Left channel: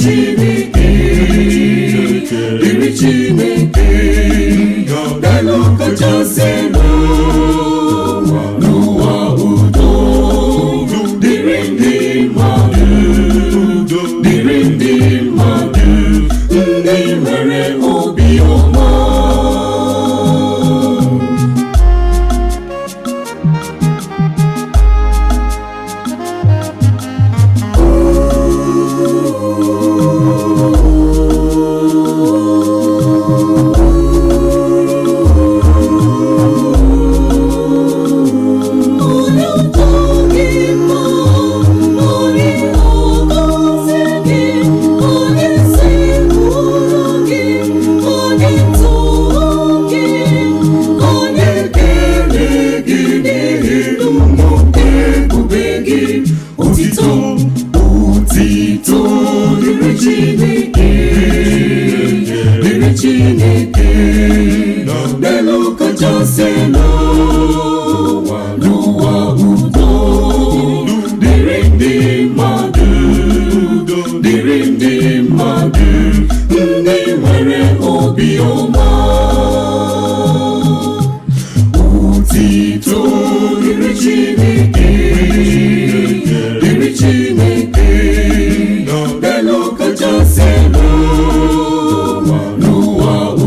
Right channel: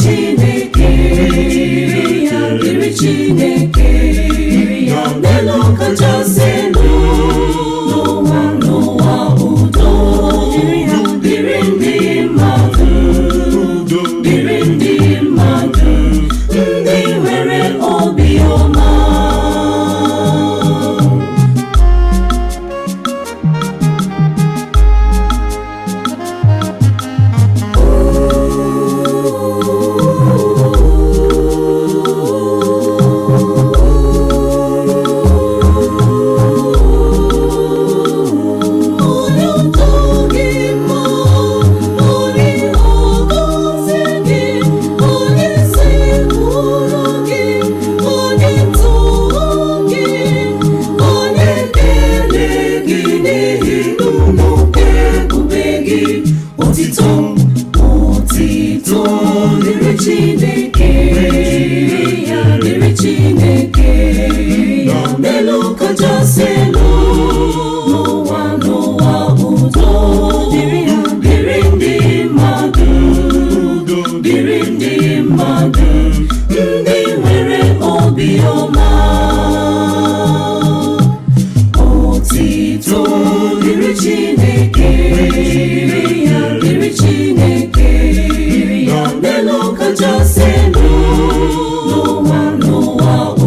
Chineke, dịrị Chineke, n'elu kachasị n'ụwa udo dịrị ndị mmadụ, dịrị ndị mmadụ, ndị nwere obiọma. Otito dịrị Chineke, dịrị Chineke, n'elu kachasị n'ụwa udo dịrị ndị mmadụ, dịrị ndị mmadụ, ndị nwere obiọma. Otito dịrị Chineke, dịrị Chineke, n'elu kachasị n'ụwa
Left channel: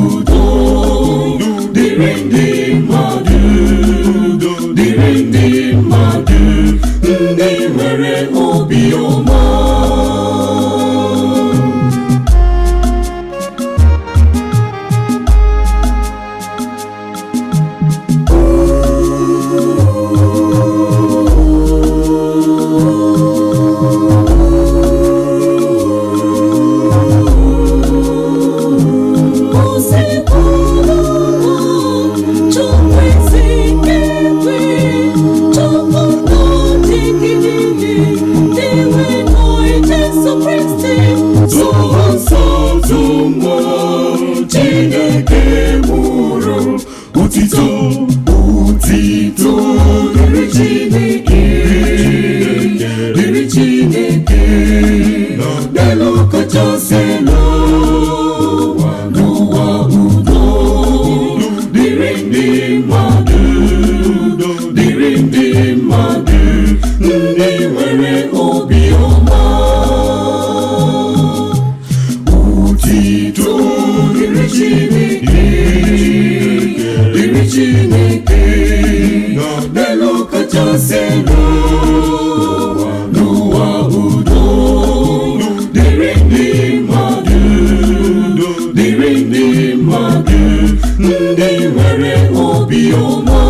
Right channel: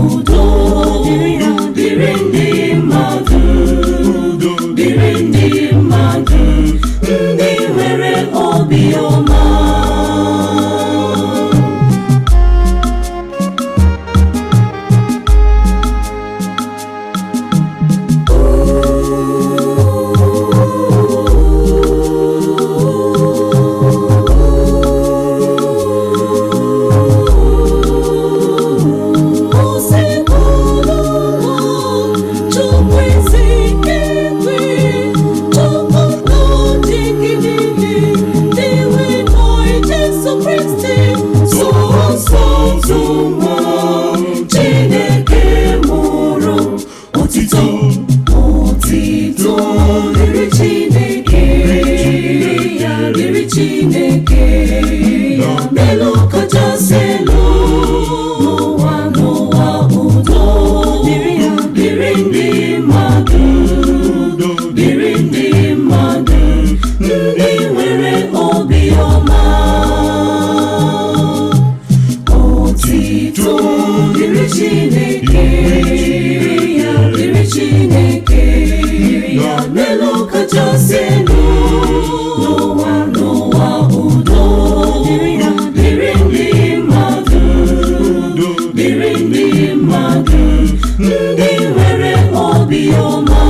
udo dịrị ndị mmadụ, dịrị ndị mmadụ, ndị nwere obiọma. Chineke mụrụ otito dịrị Chineke, dịrị Chineke, n'elu kachasị n'ụwa udo dịrị ndị mmadụ, dịrị ndị mmadụ, ndị nwere obiọma. Otito dịrị Chineke, dịrị Chineke, n'elu kachasị n'ụwa udo dịrị ndị mmadụ, dịrị ndị mmadụ, ndị nwere obiọma.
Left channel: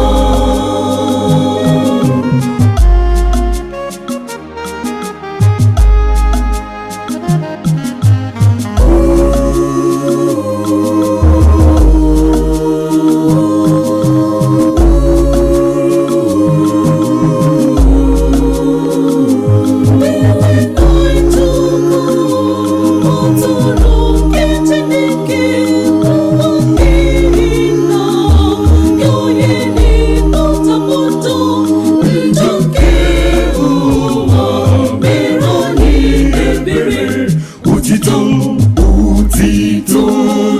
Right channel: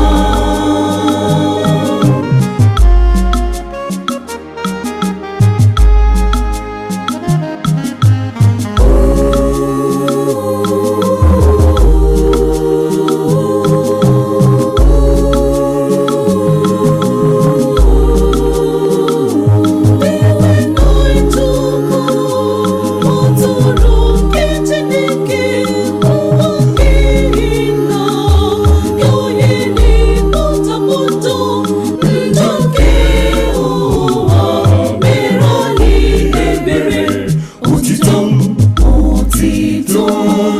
Otito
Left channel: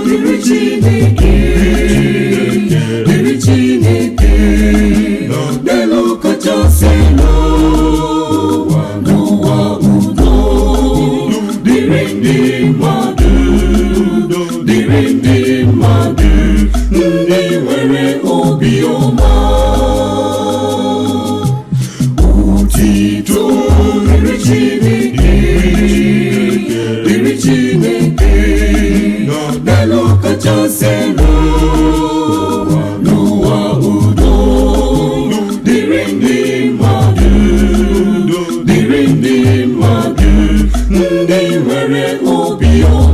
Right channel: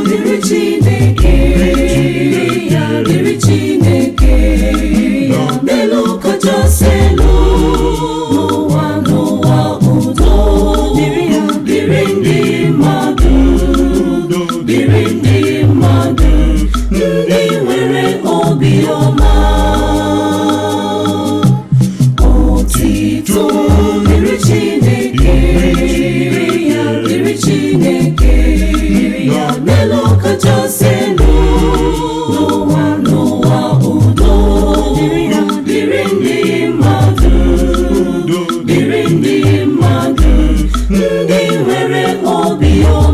dịrị Chineke, dịrị Chineke, n'elu kachasị n'ụwa udo dịrị ndị mmadụ, dịrị ndị mmadụ, ndị nwere obiọma. Otito dịrị Chineke, dịrị Chineke, n'elu kachasị n'ụwa udo dịrị ndị mmadụ, dịrị ndị mmadụ, ndị nwere obiọma.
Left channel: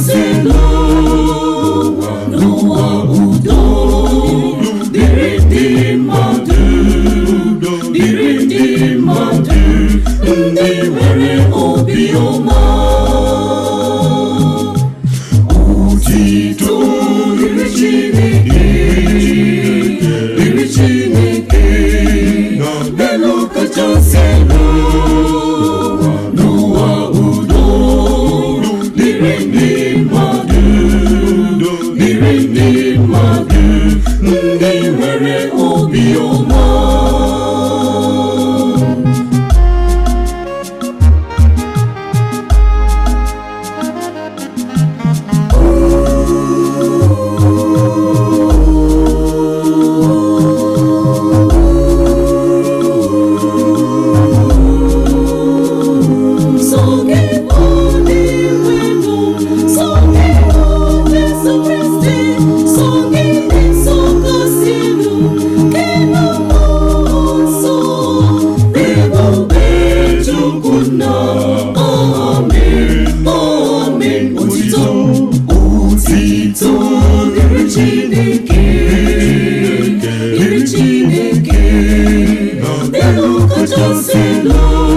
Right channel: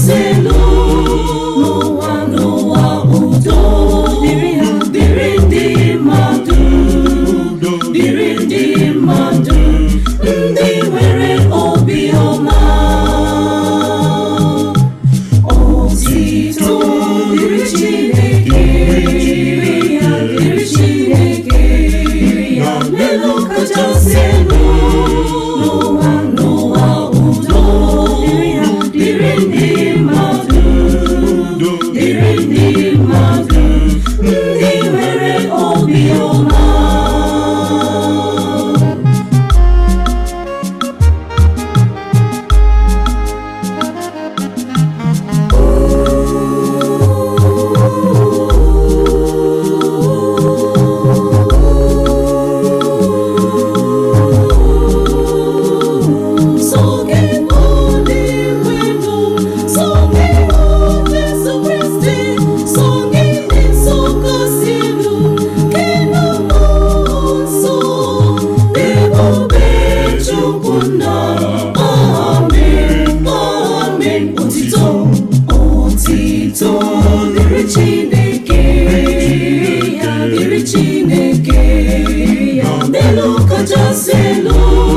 kachasị elu n'ụwa, udo dịrị ndị mmadụ, dịrị ndị mmadụ ndị nwere obiọma. Otito dịrị Chineke, dịrị Chineke n'elu kachasị elu n'ụwa, udo dịrị ndị mmadụ, dịrị ndị mmadụ ndị nwere obiọma. Otito dịrị Chineke, dịrị Chineke n'elu kachasị elu.